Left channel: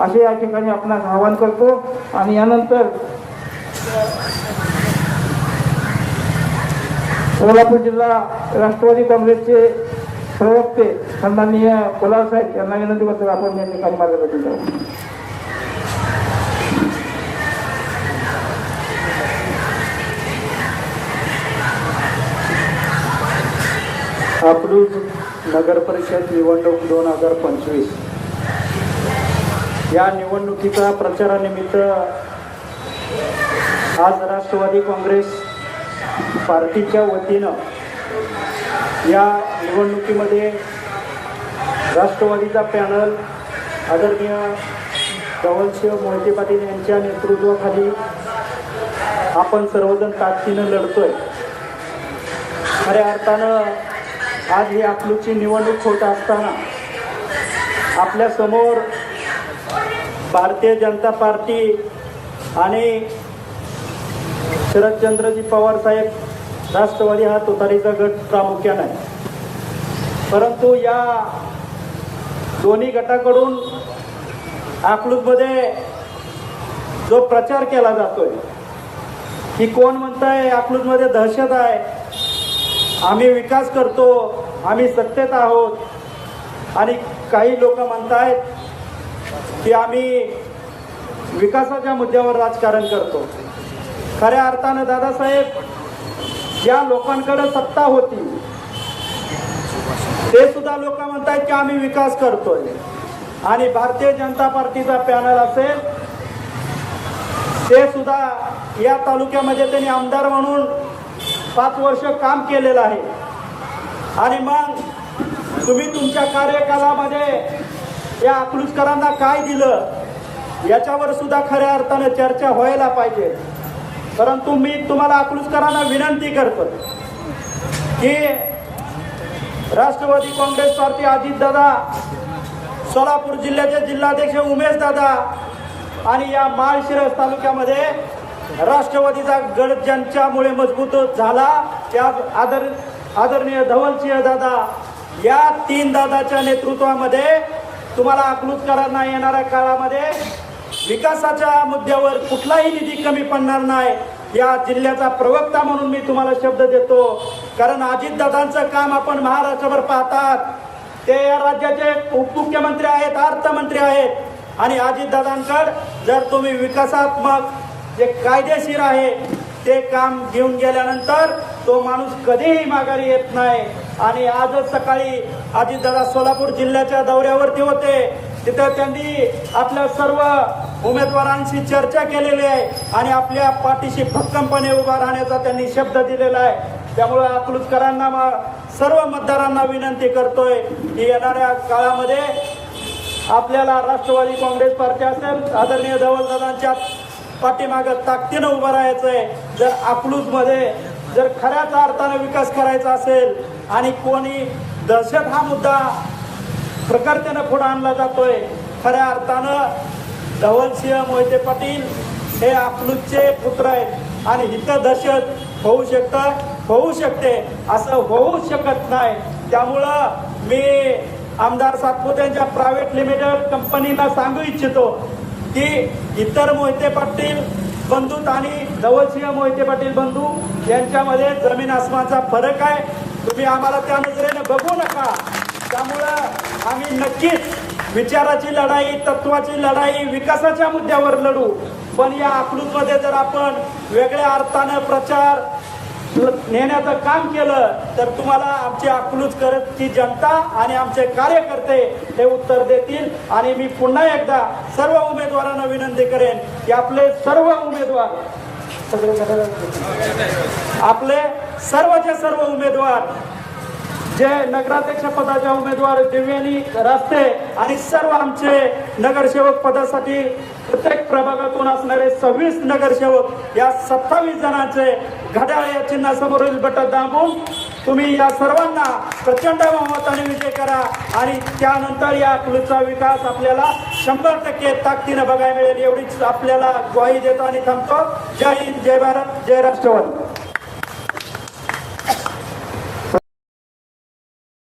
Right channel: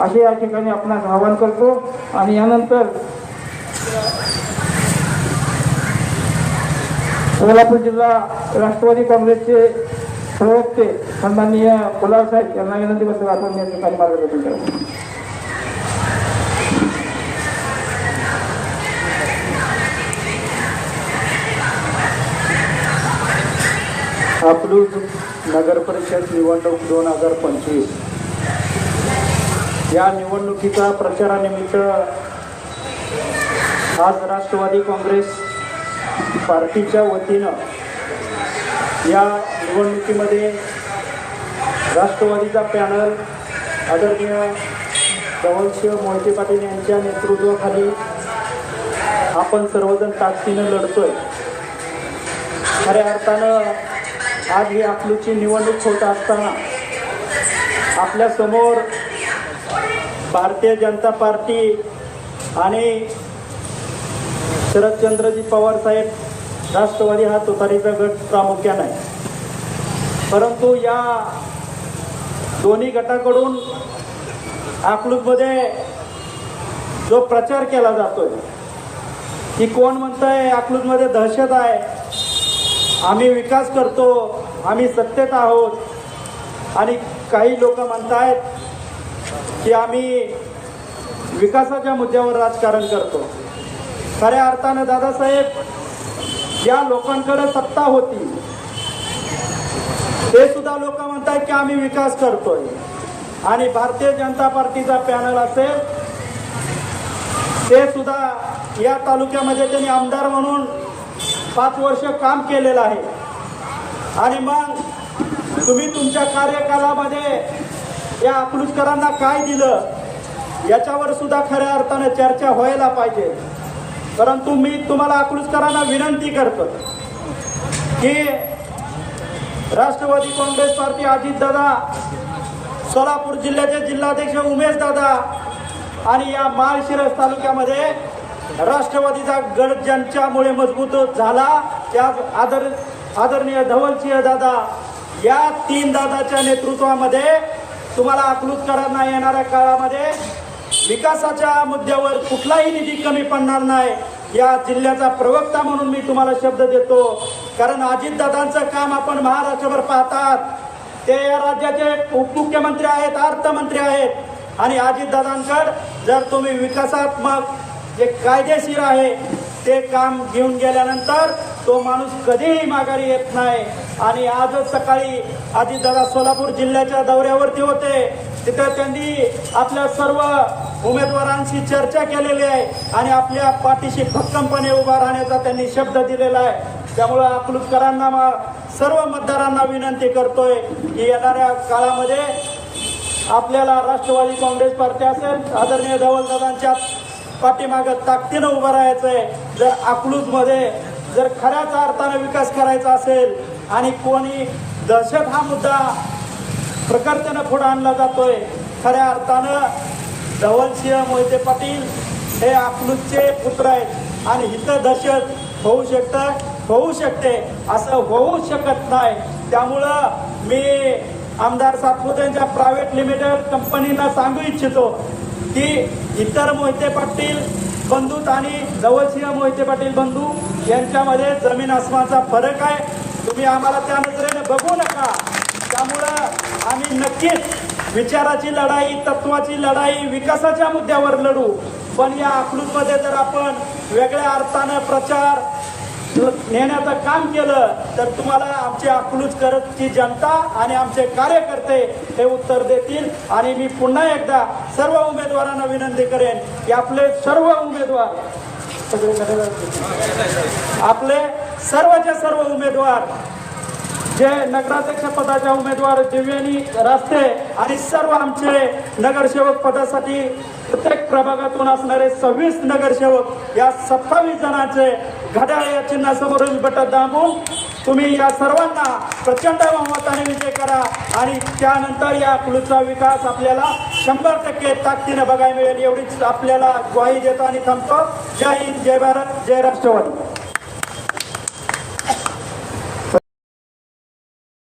असे या ठिकाणी आपणास आवाहन करतो। आणि यानंतर सोलापूर जिल्हा राष्ट्रवादी काँग्रेसचे प्रवक्ते सन्माननीय कोलार साहेब यांना विनंती करतो आपण या ठिकाणी मार्गदर्शन करा। अकलूज नगर परिषद निवडणूक 2025 या निवडणुकीच्या प्रचारानिमित्त आज राष्ट्रवादी काँग्रेस पार्टीच्या वतीनं या निवडणुकीमध्ये राष्ट्रवादीचा पॅनल आदरणीय धवलसिंह मोहिते पाटील यांच्या नेतृत्वाखाली आपण सर्वजण ताकदीनं लढतोय। खऱ्या अर्थानं आज ही अकलूजची निवडणूक होत असताना आपल्या समोर भारतीय जनता पार्टी आणि शरदचंद्रजी पवार साहेब राष्ट्रवादी हा तुतारीचा गट प्रामुख्याने आहे। परंतु या दोन्ही गटाकडून अकलूजमध्ये जो प्रचार केला जातोय की कोण म्हणतंय अकलूजमध्ये दहशत आहे, आम्ही विकास करतो, आम्ही सत्तेत आहोत, आणि काही लोक म्हणतायत की आम्ही विकासाच्या मुद्द्यावर राजकारण करतो। खऱ्या अर्थानं दादासाहेब या लोकांकडे सत्ता होती ते सुद्धा लोक म्हणतात की आम्ही विकास करतोय, आणि भारतीय जनता पार्टीचा पॅनल असेल ते सुद्धा या तालुक्यामध्ये त्यांनी आमदार म्हणून 5 वर्ष काम केलेलं आहे। आणि मग तुम्ही तुमच्या कार्यकालामध्ये या अकलूजकरांना काय दिलं याच्यावर सुद्धा खऱ्या अर्थानं चर्चा व्हायला पाहिजे। परंतु मी तुम्हाला अकलूजकरांना विनंती करतो की राष्ट्रवादी काँग्रेस पार्टी अजितदादा, सोलापूर जिल्ह्याचे जिल्हाध्यक्ष उमेश दादा आणि या माळशिरस तालुक्यामध्ये राष्ट्रवादीचा गड ज्यांच्यामुळे मजबूत झाला त्या आदरणीय धवलसिंह दादा या 3 दादाच्या नेतृत्वामध्ये तुम्हाला अकलूजकरांना येणाऱ्या काळामध्ये विकासाच्या मुद्द्यावर कुठलाही निधी कमी पडणार नाही या जिल्ह्याचा प्रवक्ता म्हणून मी तुम्हाला शब्द देतो। कारण अजितदादांचं काम आपण महाराष्ट्रभर पाहतात, ते या राज्याचे उपमुख्यमंत्री आहेत, अर्थमंत्री आहेत, आणि अजितदादांकडे जर तुम्ही विकासात्मक जे कायदेशीर आहे ते काम घेऊन गेल्यानंतर तो माणूस कधीही माघारी येत नाही। आणि आजच सकाळी अजितदादा सोलापूर जिल्ह्याच्या दौऱ्यावरती होते, तिथं त्यांनी आपल्या सर्व उमेदवारांशी चर्चा केलेली आहे आणि आपल्या पाठीशी भक्कमपणे उभा राहण्याचा त्यांनी शब्द दिलेला आहे। त्यामुळे अकलूजकरांना सर्व मतदारांना विनंती करतोय की येणाऱ्या काळामध्ये आपल्याला राष्ट्रवादी काँग्रेस पार्टी असेल आदरणीय धवलदादांच्या पाठीमागं ताकदीनं उभं राहायचंय। जर अकलूजमध्ये जर खऱ्याच अर्थानं विकास करायचा असेल आणि कोणी दहशत हा मुद्दा प्रकर्तेनं पुढे आणला जातोय, खऱ्या अर्थानं धवलसिंह मोहिते पाटील हे अकलूजचे पुत्र आहेत आणि इथं दहशत होऊ शकते असं होऊ शकत नाही। त्यामुळं मी आमदार सातपुतेंच्या प्रायव्हेट लिमिटेड कंपनीला सांगू इच्छितो की इतर मोहिते पाटील बंधू आणि धवलसिंह मोहिते पाटील बंधू यांच्यामध्ये जमीन आसमानचा फरक आहे। तुम्ही आम्हाला त्या नजरेने बघू नका। त्यामुळं आम्ही नक्कीच विचाराची लढाई, तत्वाची लढाई, विकासाच्या मुद्द्यावर लढू। पण या अकलूजमध्ये जर आपण वेगळ्या अर्थानं प्रचार नेण्याचं काम केलं तर तुम्हाला आमची अकलूजकरची जनता आणि आमचे कार्यकर्ते हे उत्तर देतील। आणि मी पुन्हा एकदा सर्व उमेदवारांना विनंती करेन की आपले सर्वचे सर्व उमेदवार जे नगराध्यक्ष पदाच्या उमेदवार दिव्यानी रास्ते आणि सर्व आमचे नगरसेवक पदासाठी प्रत्येक प्रभागातून असणारे 26 नगरसेवक या 27 जणांचे घड्याळ या चिन्हासमोरील बटन दाबून तुम्ही या सर्वांना प्रचंड बहुमताने विजय करा आणि त्यानंतर या अकलूजचा विकास आपल्याला 100% ताकदीने बघायला मिळेल एवढीच आपल्याला ग्वाही देतो आणि थांबतो। जय हिंद, जय भारत, जय राष्ट्रवादी।